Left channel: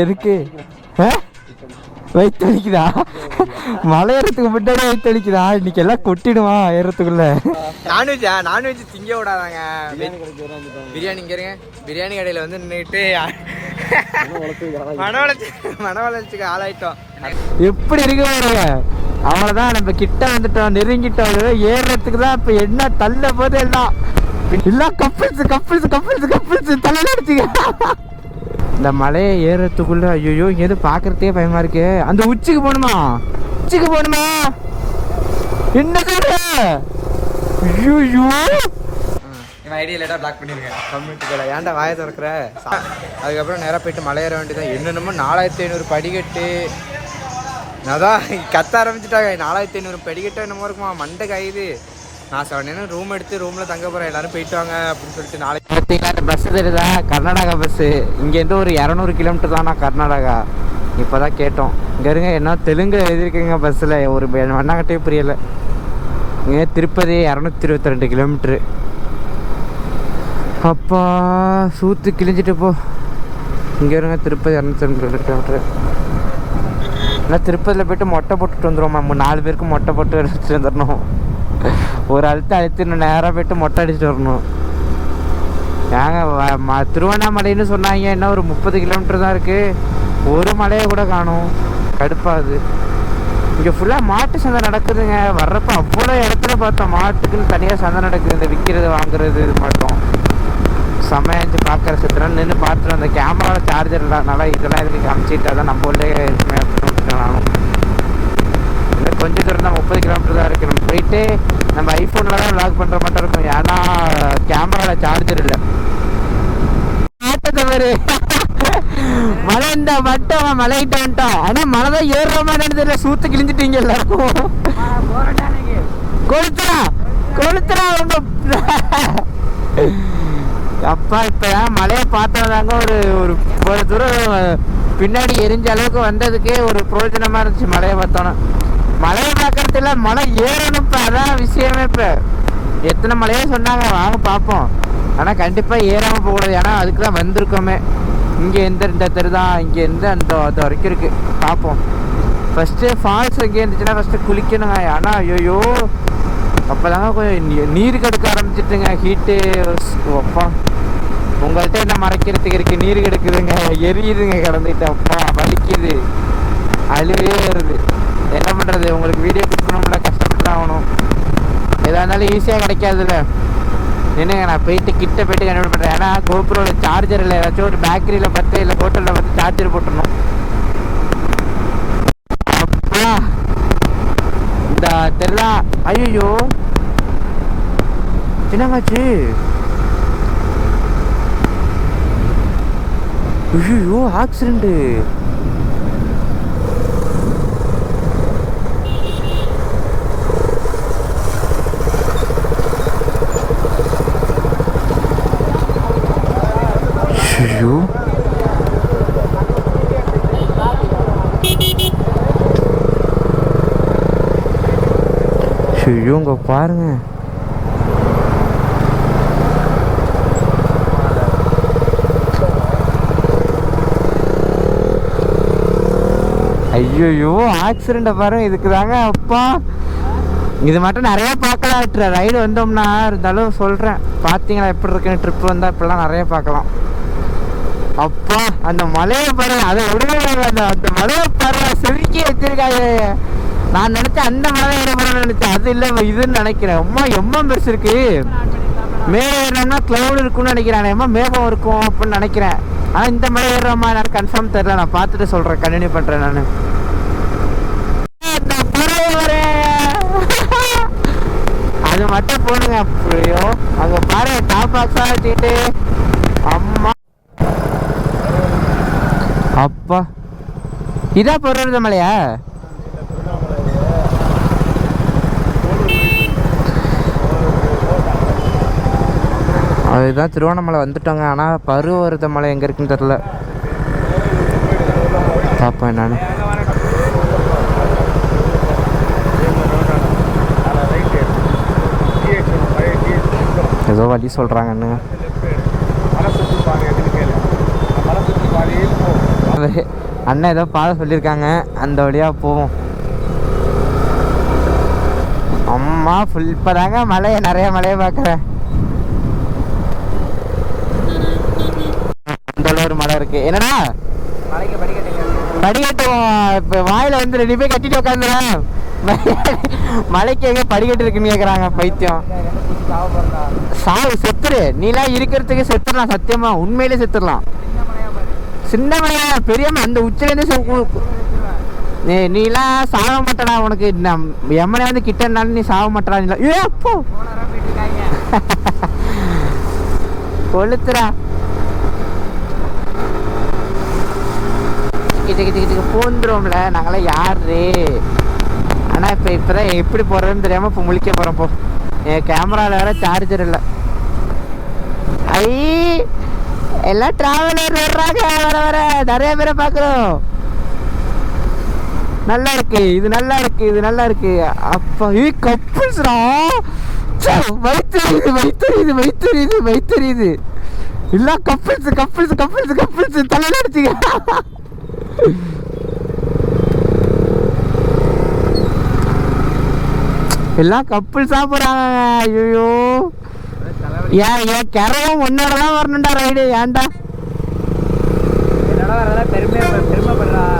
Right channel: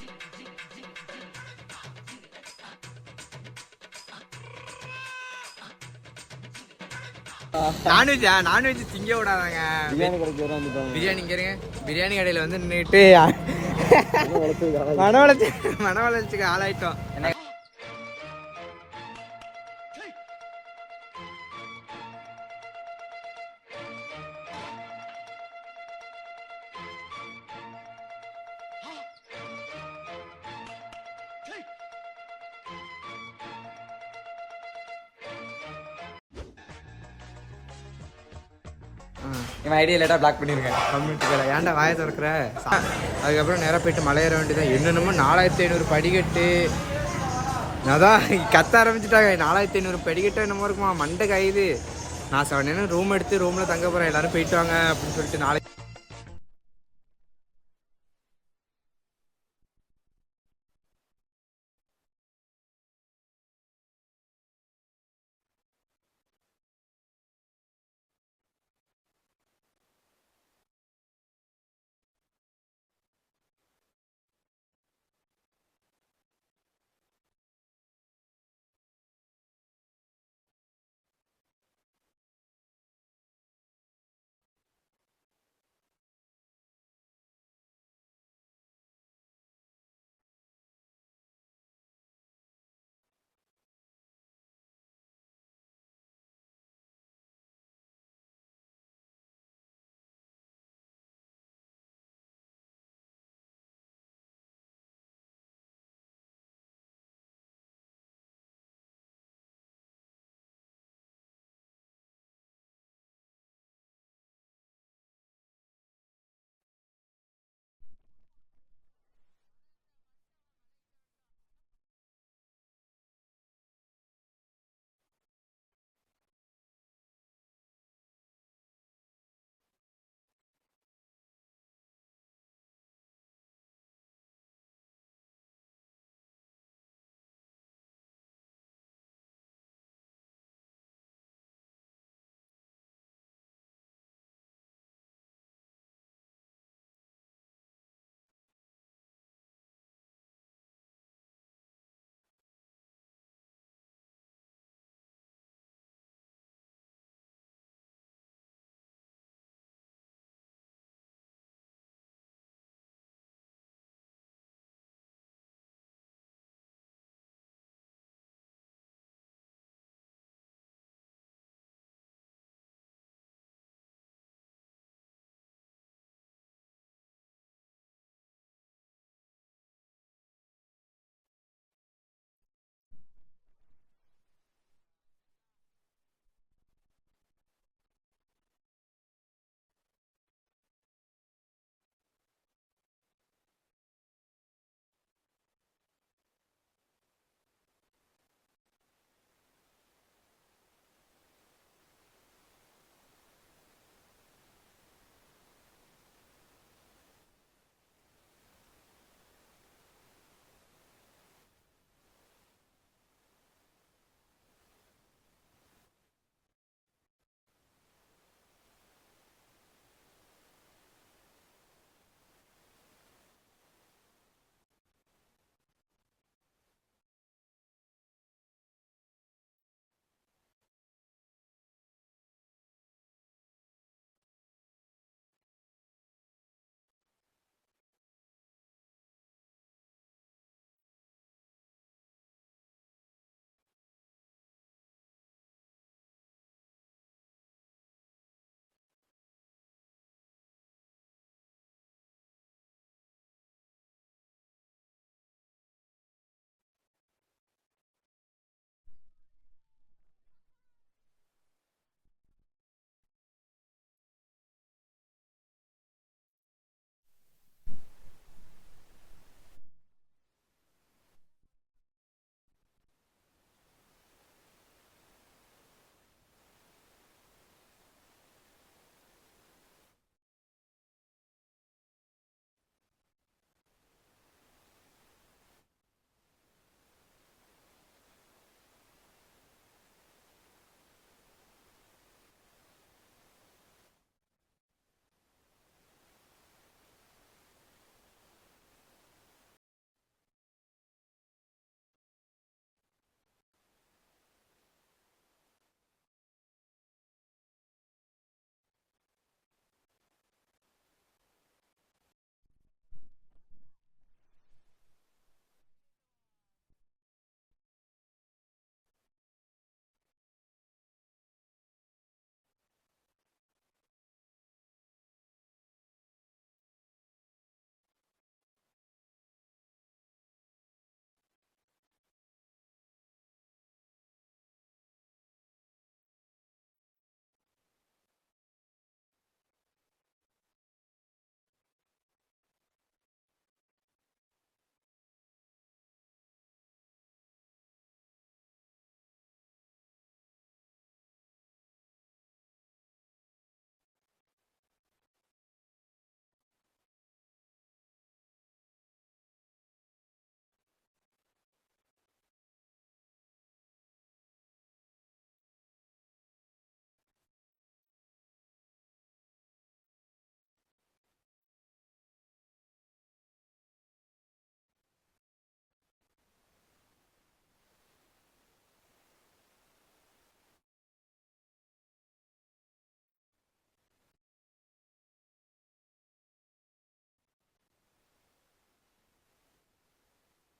எதுக்கு வயிற்று அடிக்குதா? மலை ஏறத்துக்கு முன்னாடி வயிற்று அடிக்குதா? இன்னைக்கு எல்லாம் கொட்டிடுமா ஏறத்துக்குள்ள? நான்வெஜ் திங்க விடாதாங்க. பிரியாணி இங்க இருங்க. பிரியாணி கடையில வந்து நின்றுட்டு மன வளர்ச்சிக்கு ஆளாயிட்டோம். எப்படி இருக்கு பாருங்க. அவ்வளவுதான், நம்ம கிட்ட வந்துட்டோம், நெருங்கிட்டோம். ஏறத்துக்கு தான் இப்ப என்ன தள்ள போது எல்லாம் கப்பிள்ஸ் தள்ள அடிச்சுங்க. இந்த மலையை ஏறத்துக்குள்ள ஐயோ இங்கேருந்து பாக்குறதுக்கே பயமா இருக்கு. அந்த உச்சிக்கு போகணுமா? என்ன சொல்ற? ஐயோ என் ஐடியா லேட்டா பிளாக் பண்ணிருக்கேன் கம்யூனிட்டிகளை. ஏன்டா வாயை திறக்கிற? அதுக்கப்புறம் நேராக போயிட்டு மலை ஏற வேண்டியதான். என்னென்னமோ 4500 படிக்கட்டு. அதான் கத்த ஆரம்பிச்சுட்டாங்க. 4500 படிக்கட்டு என்னமோ இருக்குமா, மண்டை காயுது. நான் 7 ரூம் எடுத்து ரூமில் தங்க போகிறேன், எல்லாரும் போயிட்டு வாங்க அப்படின்னு சொல்லிட்டு. நாளைக்கு பார்த்தீங்கன்னா இந்த பஸ்ஸு தெரியுதா? கர்நாடகா பஸ்ஸு. இங்கேருந்து ஒரு 200 கிலோமீட்டர் தானா கர்நாடகா. இப்போ தான் கேட்டோம். இங்கே இருங்க, என்ன தெலுங்கு எழுதியிருக்கீங்க பஸ்ஸில், ஒரு வண்ணாங்கட்டே புரியலை. இங்கே திருப்பதி 222 கிலோமீட்ரு. அப்பா சூத்து கிழிஞ்சிட்டு போ. இங்கே இருங்க, திருப்பதி 222 கிலோமீட்ரு. இல்லை திருப்பதியில் போய்ட்டு மொட்டை போட்டுட்டு வந்துடுவோம். 4 பேருக்கு மொட்டை போட்டு எடுத்துட்டு வந்துடணும். ஒரு அழுத்திடணும், நேராக போய்ட்டு மொட்டை அடிச்சுட்டு வரணும். ஏங்க திருவண்ணாமலைன்னு சொன்னாங்க, என்ன ஒரு 30 கிலோமீட்டர் தான் இருக்குது. ஒரு மலையை கூட காணும். கடுப்பாகுது. இங்கே ஃபுல்லாக மாட்டு சந்தை நடக்குதுங்க. வர்றப்போ அவ்வளோ இடத்துல பார்த்தோம் மாட்டுக்குன்னு தனியாக சந்தை நடக்குது. இந்த விற்கிறது வாங்குறது இது மட்டும் சமையஞ்சு பார்க்குற சுற்றுலாம் நின்று பார்த்துட்டு அந்த கேமராவில் சார்ஜர் இல்லாதனால இதெல்லாம் இதுக்கு காமிச்சிட்டா தான் நம்ம உள்ளே இருக்குமே அப்படின்னு நானும். இல்லை கொஞ்சம் தூரம் தான், 30 கிலோமீட்டர் தான் இருக்குது. நம்ம போயிட்டு நம்ம ஐஃபோனில் தான் வ்ளாக் பண்ணுற மட்டும் இருக்கும். ஏன்னா கேமராவில் சார்ஜர் இல்லை. தவறு மழை இந்த மட்டும் மழைகிட்ட வந்துட்டோம். ஆனால் மழை தான் ஏறுற மாதிரி தெரியல. சூத்து கிழிஞ்சிட்டீங்க எல்லாருக்கும். கொளுத்துறா அப்பா. இப்போதான் மழையை பார்த்ததாங்க ஒரு தூரம் பின்னாடி எரிஞ்ச அளவுக்கு வந்ததுக்கே ஒரு பிரயோஜனமாக இருந்துச்சு மழையை பார்த்தோன்னா. மழையை பார்க்கறது இல்லை, மழை ஏறணும். இப்போ அதான் விஷயமே. இப்போ எத்தனை மழையே சொன்னாங்க, வாங்க பார்ப்போம். ஆனால் கண்டிப்பாக ஏறாமல் போகக்கூடாது. ஏன்னா அதுக்கு தான் வந்திருக்கோமே. இங்கே இந்த தெரு தான், இங்கேருந்து அந்த அது வரைக்கும் இருக்குது. பார்ப்போம். ஃபஸ்ட்டு ஃபால்ஸ் எங்கே இருந்துச்சுன்னா ஃபஸ்ட்டு குளிக்கணுங்க. ஆனால் ஐயோ அப்போ தாங்க கொஞ்சம் நீர் கெடுக்க ஆரம்பிச்சிட்டுங்க. ஹீட்டு அப்பா. உங்கள்கிட்ட என்ன மறைக்கிறதுக்கு இருக்குது? நீர் கெடுக்குதுங்க, எரியுதுங்க கிடந்துட்டு. அப்பா வலிக்குது, அழுவே வருது. என்ன பண்ணுறது? உங்களுக்கு வீடியோ கொடுக்கணும்ல, கஷ்டப்பட்டு தான் ஆகணும். எதாக இருந்தாலும் ஈஸியாக கிடைக்காதுல்ல. என்னங்க நான் போயிட்டு கிட்ட போயிட்டு கண்டுபிடி பண்ணுறேன். ஏன்னா கோபுரோட சார்ஜர் இல்லை. ஏதாச்சும் ஒரு பேக்கரியில் பார்த்து இல்லை ஹோட்டலில் பார்த்து சார்ஜர் போட்டுடணும். அப்பா இந்த தெரியல. ஐயோ என்னங்காச்சு? ஐயோ ஆக்சிடென்ட். ஐயோ ஐயோ இங்க பாருங்க. ஐயோ ஆக்சிடெண்ட்டை பாருங்க. இதுக்கு தாங்க அப்பா இது மட்டும் நிறைய பார்க்கலாம். ரைடு வந்தோம்னா இருந்தாலும் சொல்கிறேன். பார்த்தீங்களா எப்படி இருக்குன்னு? ட்ரிப் வந்தால் இப்படிலாம் நிறைய பார்க்கலாம். அப்பா அந்த மலையை பாருங்க. அதை விடுவாங்க. அந்த மலையை பாருங்க, செதுக்கி வச்சிருக்காங்க. நான் நினச்சேன் அந்த மலை ஏறப்படணும்னு நினச்சேன். அது இல்லை, இதுன்னு நினைக்கிறேன். எம்மா பெருசு இருக்கு. மேலே ஏறினோம்னா க்ளவுட் இருக்குன்னு நினைக்கிறேன். மேகம் இருக்கும் அப்படின்னு நினைக்கிறேன். ஆனால் இந்த மலை ஏறுறமா எனக்கு கன்ஃபார்ம் தெரியல. நான் பார்த்துட்டு சொல்கிறேன், கண்டினியூ பண்ணுறேன். நான் அது மட்டும் போடுங்க. அப்படியோ அங்கே பாருங்க, டாப் பாக்ஸாக வச்சுக்கிட்டு. அம்மா அப்பா இதான் போடுறது மலையா? அதுதான் திருவண்ணாமலை வந்துட்டோங்க. ஆனால் பருவத மலை எங்கே இருக்குன்னு தெரில. பார்ப்போம் என்னன்னு. ஏதோ வழி சொல்கிறாங்கன்னு. பேர். அண்ணன் ஏதோ பாதை சொல்லியிருக்காங்க, அந்த வழியாக போவோம். அம்மா ஃபுல் இப்போ தாங்க மலையை நிறைய மலையை பார்க்குறேன். அந்த ஒரு மலை இருக்கு. என்னடா படிக்கட்டு இப்போ வாயில் வந்து 2 பேர் கட்டிட்டு உட்காந்துறேன். மலைக்கு எங்கே படிக்கட்டு இருக்குன்னு கேட்குறாங்க. பைத்தியம். சாவு செத்துரு. நீலாம் இருக்கிறதுக்கு செத்துடலாம். சத்தியமா உண்மையிலே செத்துடலாம். சின்ன மலையா பெரியம்மா அந்த உச்சிலேருந்து நீலாம் சாக மாட்டடா. உனக்கு எம்மனை வந்து கிட்டனாலும் நீ சாக மாட்டடா. நீ ஏ அப்போ கொளுத்துறா. கிட்ட போந்துருவோம்ல நாங்களாம் யாரு. ஆனால் இப்போதான் எப்படி போகிறதுன்னு தெரியாமல் இப்போ முழிக்க போகிறோம். போ என் கேமராவில் வேற சார்ஜர் இல்லை. ஐ எல்லாம் டிராவலர் வர்றாங்க. வர வர நிறைய பேரை பார்க்குறோம். நல்லா இருக்கு இது, நல்லா இருக்கு இது, நல்லா இருக்கு. அப்பா கப்புள்ஸ்ரா. வயிற்றுது வயிற்றுது வயிற்றுது வயிற்றுது. இல்லை கப்புள்ஸ் கப்புள்ஸ் கப்புள்ஸ் கப்புள்ஸ் தலையில அடிச்சுக்க. எல்லாம் கப்புள்ஸா போறாங்க. ஐயோ ஏன் கரவும் ஒன்னோடதான் வரணும்டா ரைடு. ஏன்டா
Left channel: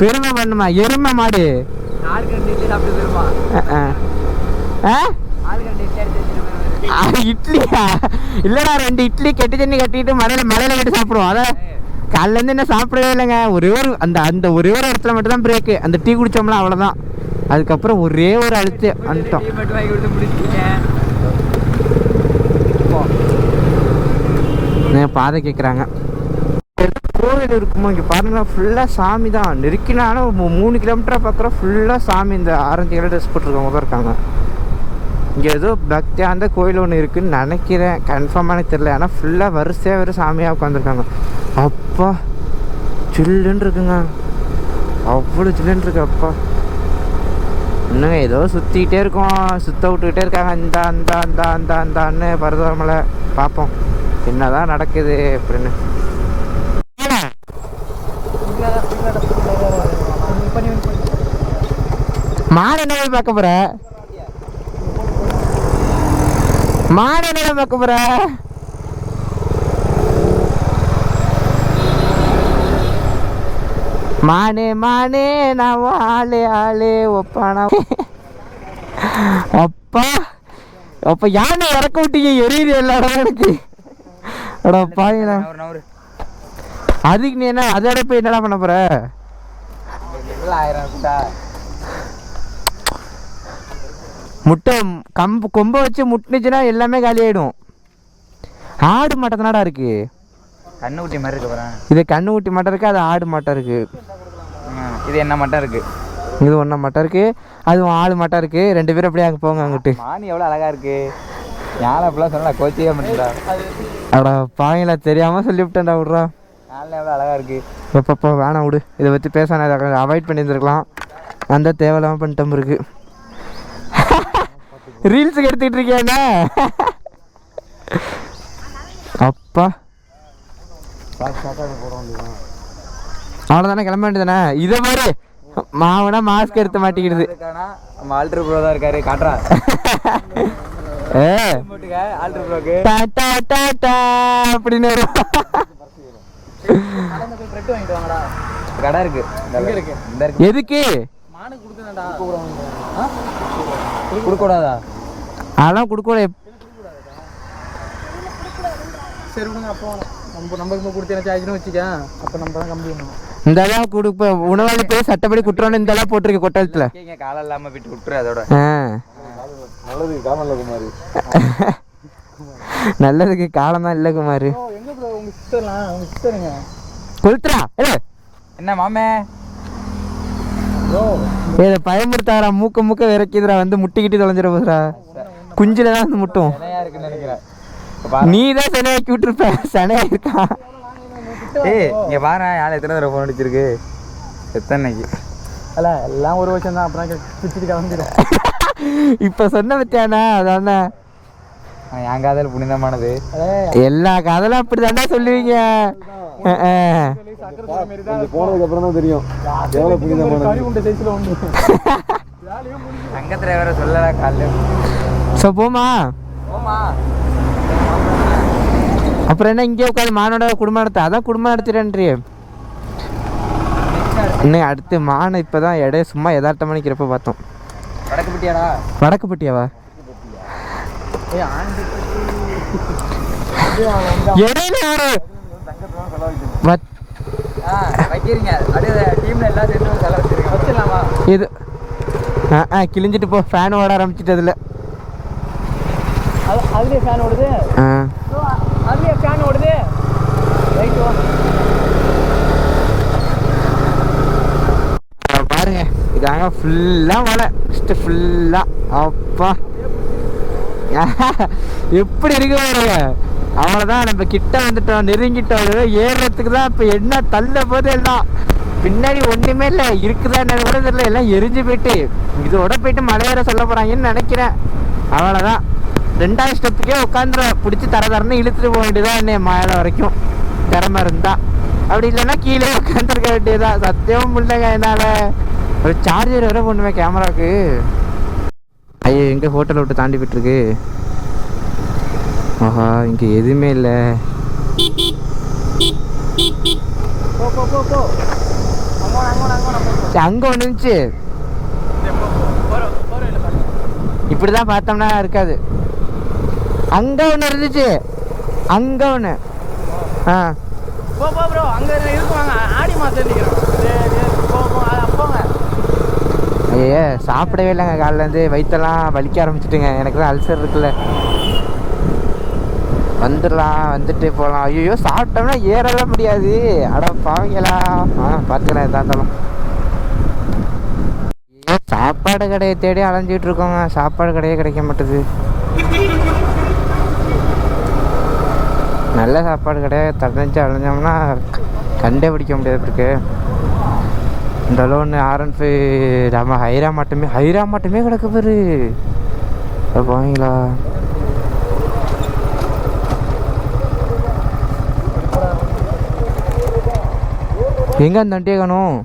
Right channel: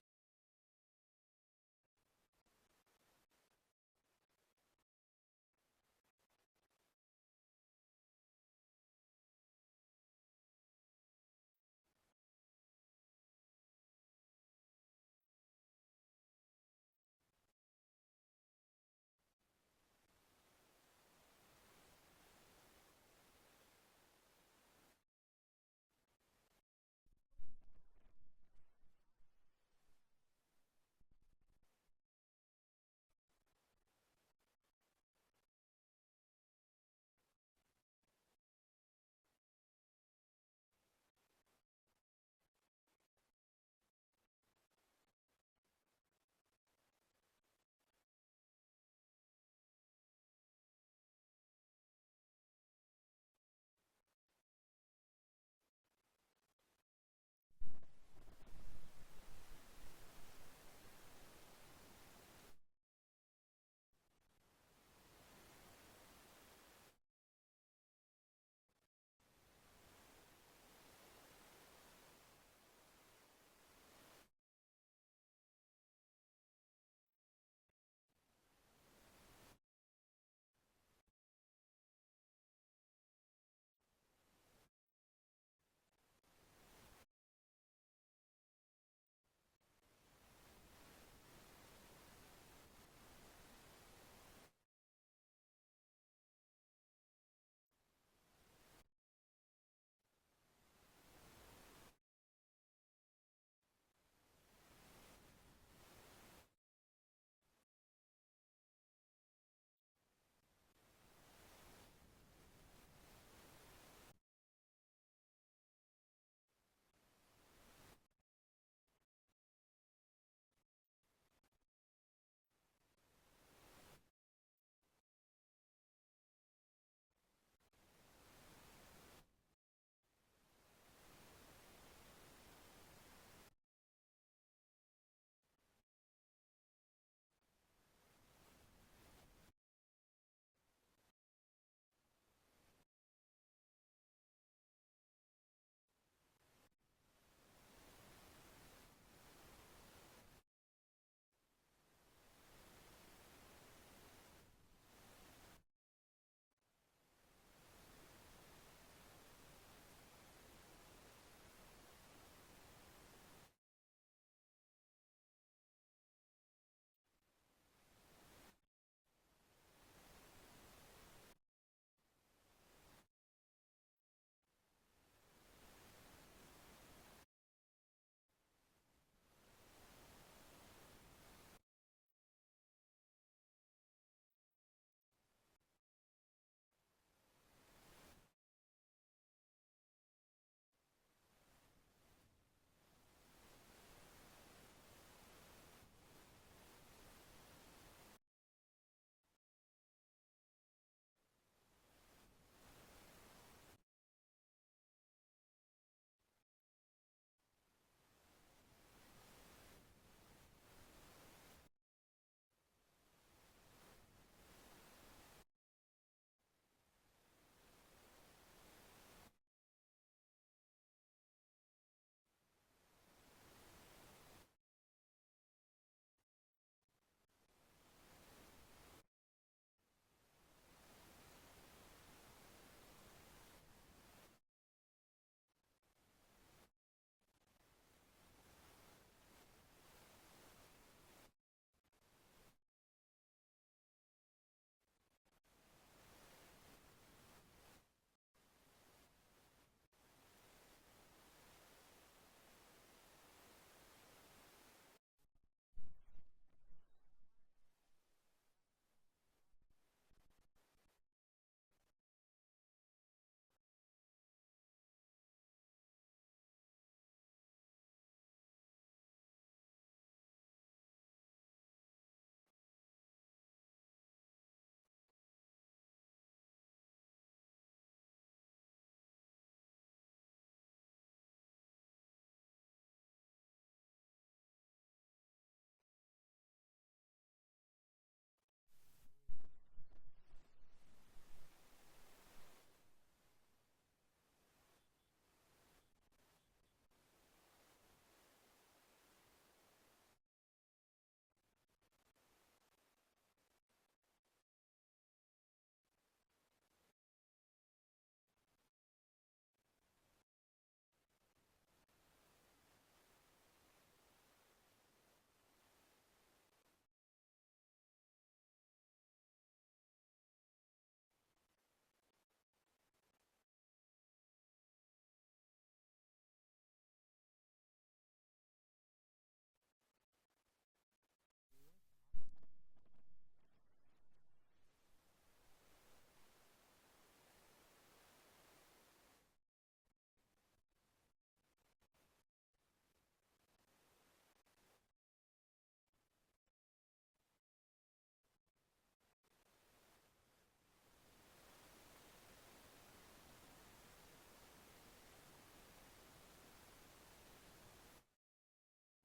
பெருமை பண்ணுமா? எருமை மாடு இட்லியா? இல்லடா 2 இட்லி கெட்டு தண்ணி கட்டிட்டு மலையில கட்டி சாப்பிடுவோம். அதான் காலைல இருந்து என்ன சாப்பிடவே இல்லைங்க. ஒரே ஒரு அந்த ஒரே ஒரு இடத்துல மட்டும் தான் பிரேக்கு. அந்த டீ குடிச்சோம்ல அவ்வளோதான். அதுக்கப்புறம் ஒரே ஒரு அழுத்து வந்துட்டோம். பாதை கேட்குறாங்க. கோவில் இருக்குமோ இங்கே பாருங்க. ஃபுல்லாக சாமி தான். நெருக்கினாலும் 3 கிலோமீட்டராக பார்க்குறோம். ஃபுல்லாக சாமி. இந்த ஆரஞ்சு கலர் ட்ரெஸ் போட்டிருக்கவங்க தான் இருக்காங்க. இங்கே ஏதோ பக்தியாந்த கோயில் ஒன்று இருக்குதுன்னு நினைக்கிறேன். கன்ஃபார்மான தெரியல. ஆனால் ஃபுல்லாக வரிசையாக வெறும் சாமியாக உட்காந்துருக்காங்க. அப்பா சில்லுன்னு இருக்குங்க. அவ்வளோ சில்லுன்னு இருக்கு. அப்பா இன்னுங்க ஏதோ சுற்றிக்கிட்டே இருக்கோம். சுத்த விட்டுக்கிட்டே இருக்காங்க. இந்த அந்த அந்த அந்த அந்தான்னு பரதமலை. பார்ப்போம் என்னதான் நடக்குது அப்படின்னு. மாடு என்ன பார்க்க போற? மாடு என்ன பார்க்க போற? மானே மானே நான் ஆளே ஆளே ஒப்பானா. அப்பா அப்ப யானை இறக்க விட்டீங்க. எரியுது எல்லா இடம் எனக்கு. அடா பாருங்களா. அதுக்கு நீ என்ன அதோட போய் என்னடா பண்ண போற? முட்டை கொம்பை வச்சு முட்டுனுச்சுன்னா எல்லாமே காலி ஆயிடும். ஆடு மாட்டத்தினாடா இருக்கு. கண்ணுக்குட்டி மாதிரி இருக்கு பாரு. இது கண்ணுக்குட்டி மாட்டம் இருக்கு. அது ஆடு மாட்டம் இருக்கு. இது என்ன மாட்டம் இருக்கு. இது ஒன்றை மாட்டம் இருக்கு. அதுவும் ஆடு மாட்டம் இருக்கு. 2 பேரும் அப்படியே அங்கே போங்க. அங்கிட்டு மானி எவ்வளோ அழகா இருக்கு. யானை அப்படிலாம் சொன்னா கோச்சியே மாட்டேன்டா. அடா பாங்களா தெரியாம சொல்லிவிட்டேன்டா. விட்றா. யானை எவ்வளோ அழகா இருக்கு. எப்பப்போ வேணாம் விடு. இதை பற்றி பேசானே அவாய்ட் பண்ணியிருந்துருக்கலாம். அந்த தேவையில்லாமல் பண்ணிட்டோம் இருக்கு. ரீல்ஸுக்கு எடுத்துக்கிட்டு இருக்கியாண்ணா? அப்பா அவ்வளோதானே கிளம்ப வேண்டியதானே. இதை மாதிரி மாவனா மாஸ்க் எடுத்து மாட்டிக்கிடுது. ஆல்ட்ரு ப்ரோ தான் இருக்காரு. காட்டுறா ஆல்ட்ரு ப்ரோக்கு அப்படின்னு கடை இருக்கு. எதுக்கு கொடுக்கூடாதா? அதெல்லாம் கொடுக்கூடாது. சரி விடுங்க. அப்போ நம்ம கொடுத்து வச்சுக்க. அப்போ நம்ம தான் கம்பி பண்ணணும். இந்த அளவு கொடுப்ப உணவாளி போய் சட்டப்படி குற்றம்னு இந்த அளவு போட்டிருக்கு கொட்டலத்துல. காலம் இல்லாம விட்டு விட்டுரு. அதோட நல்லதுக்கு காலம் இல்லை குமாரி. நல்லதுக்கு காலம் தான் இல்லை குமாரி. எங்க ப்ரோ உங்க சிஸ்டர்லாம்? உங்க சிஸ்டருங்க கொளுத்துறா. என்ன மாமே ஏதோ பயமுறுத்தாரா. மூக்க விரைக்குதுரா. வந்து முட்டிக்கிட்டு தொலைஞ்சிட போதுரா. குஞ்சில தான் வந்து முட்டும். இருக்குன்னு நினைக்கிறேன். நீ தான் சனையாக்கி விட்டுருப்ப. சனையா இருக்கா? ஏய் இங்க பாரு. யாரை எத்தனை தடவை ஃபோன் அடிச்சிருக்கு. எத்தனைக்கு அல்ல எல்லாம் ஒரு வருஷம் தான். அப்புறம் பிச்சுட்டு கிளம்பிடும். இப்ப சொன்ன பத்தியானா அதானே என் காதல் புனிதமானது. எல்லா காதலும் அப்படி தானே சொல்லுவீங்க. போனதுக்கு அப்புறம் தான் தெரியும் எவ்வளவு புனிதமான தங்கத்துல வேற சொல்லல காலைல. ஸோ போமா போமா. அப்புறம் என்ன இங்கே உட்காந்து மானோட குடும்பம் நடத்த அதான் குடும்பம் நடத்துறேன்றி இன்னும் அடுத்து மானை இப்போ தான் இடைய சும்மா யதார்த்த மணிக்கிறப்ப பார்த்தோம். வடக்குப்பட்டியாடா? வடக்குப்பட்டியாவா? இடையில ஒரு வைக்கிறீங்க அப்படியே டீம்ல எல்லாம் சேர்ந்து செலவு வச்சிருக்கேன். வச்சிடலாமா இது? கிழிஞ்சிட்டு போ, ஃபேன் ஓட ஆரம்பிச்சிட்டு அதில். அதுலேயே ஃபேன் ஓடுது. அதுலேயே ஃபேன் ஓடுது. ரைட் வா. பாருங்க இதாங்க ஃபுல்லாக மழை ஃபுல்லாக. அப்பா எப்படி இருக்கு பாருங்க. அவ்வளோதான், நம்ம கிட்ட வந்துட்டோம், நெருங்கிட்டோம். ஏறுறதுக்கு தான் இப்போ என்ன தள்ள போது எல்லாம். பின்னாடி ஒன்றுமே இல்லை, இருக்குதா என்ன கூட தெரியல, எல்லாம் எரிஞ்சு போயிட்டு இதோட போயிட்டு மலையேற சொல்ல போகிறாங்கன்னு நினைக்கிறேன். அவ்வளோதான், 2வது ஸ்டெப்புக்கே உட்காந்துற பிடிச்சி தரன்னு இழுத்துட்டு போக வேண்டியதான் என்ன மேலே வரைக்கும் திறமை இருந்தா. அப்படி இல்லைன்னா கீழே உட்காந்துருக்க வேண்டியதான். சத்தியமும் முடியலங்க என்னால். ஒரு சார்ஜர் வேற பண்ணுவேன் கேமராவுக்கு. ஐயோ எங்கே ஹோட்டலை விட்டு தாண்டி போயிட்டுருக்கு. ஆஹா இங்கே எதுவுமே இல்லை. அங்கே ஒன்று இருந்துச்சு, இப்படி தான் பார்த்தோம்னா இருக்காது. அங்கே ஒன்று இருந்துச்சு, அங்கே ஒன்று. ஐயா சாப்பிடவே இல்லைங்க காலிலேருந்து, வயிற்றெல்லாம் வலிக்க ஆரம்பிச்சிட்டுங்க. எனக்கு தான் அல்சர் இருக்குல்ல. வந்துடலாம், வந்துட்டு போகலாம். ஐயோ சாப்பிட்டோம்னா ஏறலாம் முடியாது. அட பாவங்களா. பார்த்துக்கலாம் எதா இருந்தாலும். சாப்பாடு கடையை தேடி அலைஞ்சிட்டு இருக்கோங்க, சாப்பாடு கடையே கிடைக்க மாட்டுது. நல்ல சாப்பாடு கடையை தடைஞ்சு அலைஞ்சோம்னா கண்டே பிடிக்க முடியாது இருக்கு. இந்த அளவுன்னு R15 நம்ம ஹைரா மட்டுமே கிடக்கு பாரு. போவீங்களா? எங்க அந்த வண்டியை காணும்?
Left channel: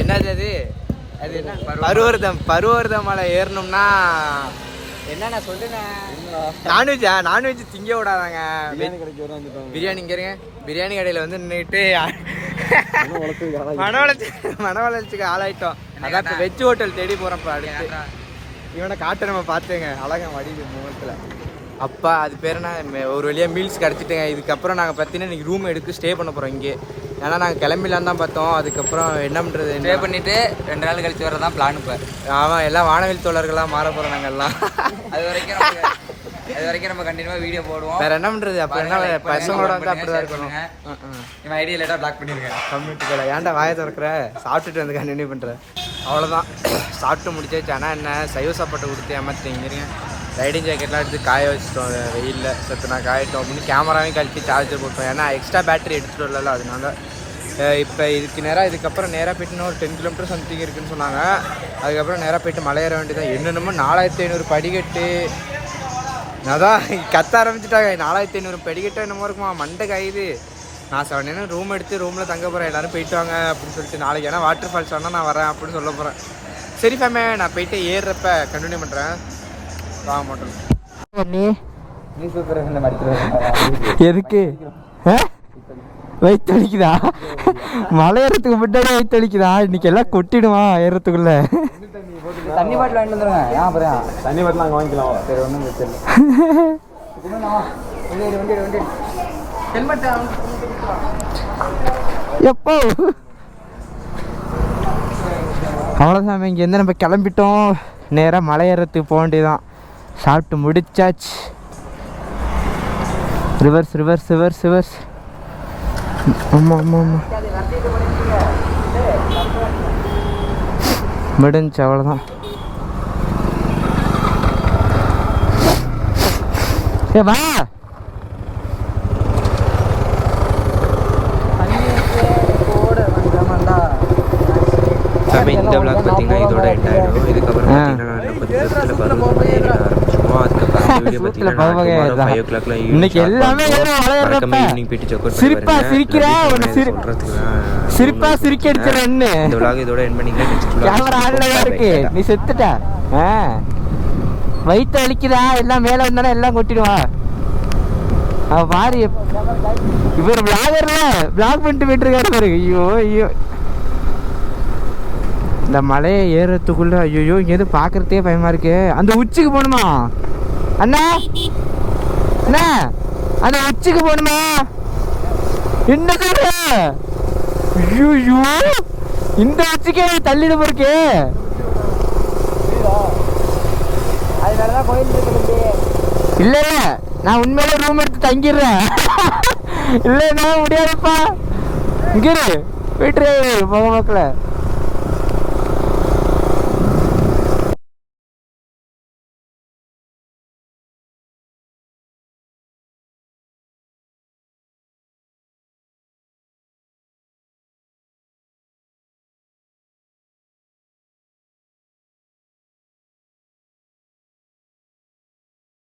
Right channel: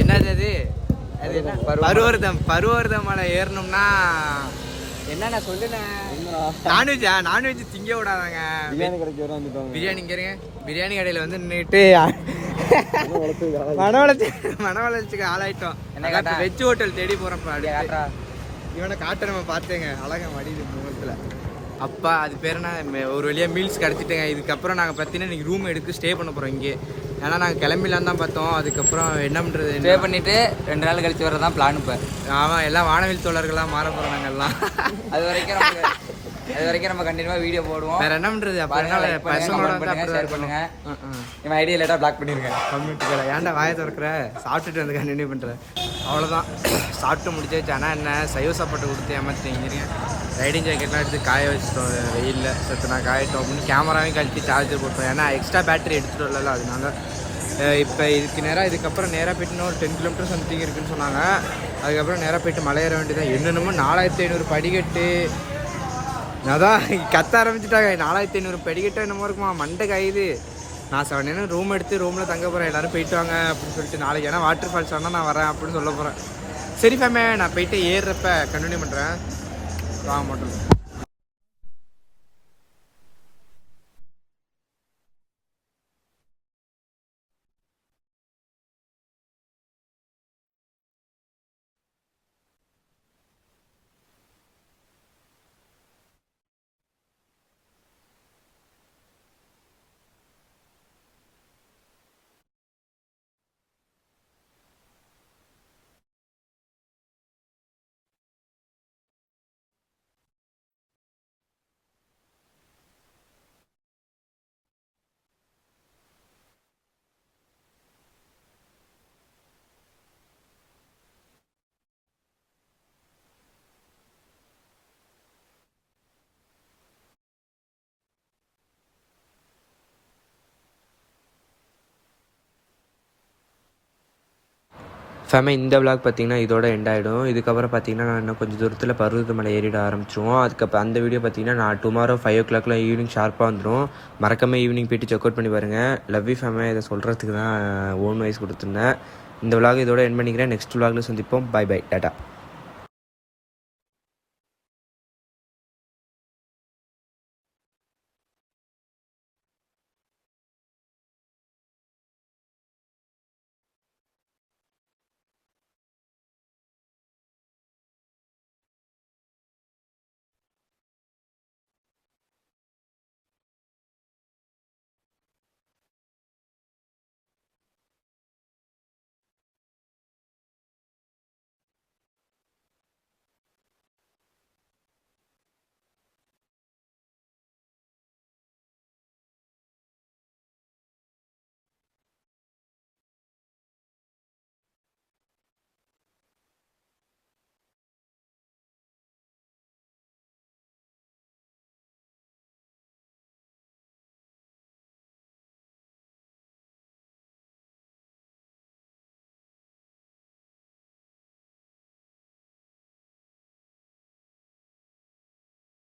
என்னது அது? அது என்ன? பருவர்த மலை ஏறணும்னா என்னண்ணா சொல்லுண்ணே. நான்வெஜ் திங்க விடாதாங்க. பிரியாணி இங்க இருங்க. பிரியாணி கடையில் வந்து நின்றுட்டு மன வளர்ச்சிக்கு ஆளாயிட்டோம். அதான் இப்போ வெஜ் ஹோட்டல் தேடி போகிறோம். அடுத்து இவனை காட்ட நம்ம பார்த்தேங்க, அழகா வடிவு முகத்தில். அப்பா அது பேர் என்ன, ஒரு வழியாக மீல்ஸ் கிடச்சிட்டுங்க. இதுக்கப்புறம் நாங்கள் பார்த்தீங்கன்னா இன்றைக்கி ரூம் எடுத்து ஸ்டே பண்ண போகிறோம் இங்கே. ஏன்னா நாங்கள் கிளம்பிலான்னு தான் பார்த்தோம். அதுக்கப்புறம் என்ன பண்ணுறது, ஸ்டே பண்ணிவிட்டு 2 நாள் கழிச்சு வரதான் பிளான். இப்போ ஆமாம், எல்லாம் வானவில் தோழர்களாக மாற போகிறோம் நாங்கள் எல்லாம். அது வரைக்கும் நம்ம கண்டினியூவாக வீடியோ போடுவோம். வேறு என்ன பண்ணுறது, அப்புறம் என்ன பசங்களோட வந்து அப்படி தான் இருக்கணும். இவன் ஐடியா லேட்டாக பிளாக் பண்ணியிருக்கேன் கம்யூனிட்டி கடை. ஏன்டா வாயை திறக்கிற? சாப்பிட்டுட்டு வந்து கண்டினியூ பண்ணுறேன். அவ்வளோதான், சாப்பிட்டு முடிச்சாச்சு. ஆனால் என்ன சைவ சாப்பாட்டை கொடுத்து ஏமாற்றிங்க. ரைடிங் ஜாக்கெட்லாம் எடுத்து காய வச்சுட்டோம் வெயிலில். சத்து நான் காயட்டோம் அப்படின்னு கேமராவையும் கழட்டி சார்ஜர் போட்டோம். ஏன்னா எக்ஸ்ட்ரா பேட்டரி எடுத்துகிட்டு வரல. அதனால இப்போ இதுக்கப்புறம் நேராக போய்ட்டு ஒரு 10 கிலோமீட்டர் சம்திங் இருக்குதுன்னு சொன்னாங்க. அதுக்கப்புறம் நேராக போய்ட்டு மலையேற வேண்டியதான். என்னென்னமோ 4500 படிக்கட்டு. அதான் கத்த ஆரம்பிச்சுட்டாங்க. 4500 படிக்கட்டு என்னமோ இருக்குமா, மண்டை காயுது. நான் 7 ரூம் எடுத்து ரூமில் தங்க போகிறேன். எல்லோரும் போயிட்டு வாங்க அப்படின்னு சொல்லிட்டு. நாளைக்கு ஏன்னா வாட்டர் ஃபால்ஸ் ஆனால் நான் வரேன் அப்படின்னு சொல்ல போகிறேன். சரி ஃபேமே, நான் போயிட்டு ஏறுறப்ப கண்டினியூ பண்ணுறேன். வாங்க மட்டும் நீ சூப்பர். எதுக்கு வயிற்று வலிக்குதா? மலை ஏறத்துக்கு முன்னாடி வயிற்று வலிக்குதா? இன்னைக்கு எல்லாம் கொட்டிடுவான் ஏறத்துக்குள்ள. தண்ணி பாட்டில் வாங்கிட்டு வந்துருங்க. ஏன் அப்புறம் தண்ணி பாட்டில் அங்கே வாங்கிக்கலாம். சரி, ஒன்றும் பிரச்சனை இல்லை. எப்போ அவ்வளோதான், இங்கேருந்து நம்ம கிளம்பிட்டோம். நேராக மலை ஏறத்துக்கு போக வேண்டியதான். சாப்பிட்டு முடிச்சாச்சு. ரிவர்ஸ். ஆமாம் முடிஞ்சு, அவ்வளோதான். வா ஃபேமே இந்த விளாக் பார்த்தீங்கன்னா இதோட எண்ட் ஆகிடும். இதுக்கப்புறம் பார்த்தீங்கன்னா நான் இன்னும் கொஞ்சம் தூரத்தில் பருவதமலை ஏறிட ஆரம்பிச்சிருவோம். அதுக்கப்புறம் அந்த வீடியோ பார்த்தீங்கன்னா நான் டுமாரோ 5 o'clock ஈவினிங் ஸ்டார்ட் பண்ணுறோம். மறக்காம ஈவினிங் போயிட்டு செக் அவுட் பண்ணி பாருங்க. லவ்லி ஃபேமே இதை சொல்கிறதுக்கு தான் இந்த விளாக் இதோட எண்ட் பண்ணிக்கிறேன். நெக்ஸ்ட் விளாக் சந்திப்போம். Bye bye. நீ செத்துட்டா வயிற்று அழிக்குதா எல்லாம் மேலே வந்தானே எல்லாம் கொட்டிடுவா. அவ பாரு இவர் விளாகர்ல விளாக் பண்ணிட்டு போயிட்டு இருக்காரு பாரு. ஐயோ ஐயோ இந்த மலையை ஏறத்துக்குள்ள ஐயோ இங்கேருந்து பார்க்கறதே பயமா இருக்கு. அந்த உச்சிக்கு போகணுமா அண்ணா? அண்ணா அந்த உச்சிக்கு போகணுமா? என்ன சொல்ற? ஐயோ இந்த உச்சிக்கே தள்ளிட போருக்கு. இல்ல இல்ல நான் உண்மையில ரூம் எடுத்து தங்கிடுறேன். இல்ல நான் முடியாதுப்பா. இங்க போயிட்டு போக மக்கள.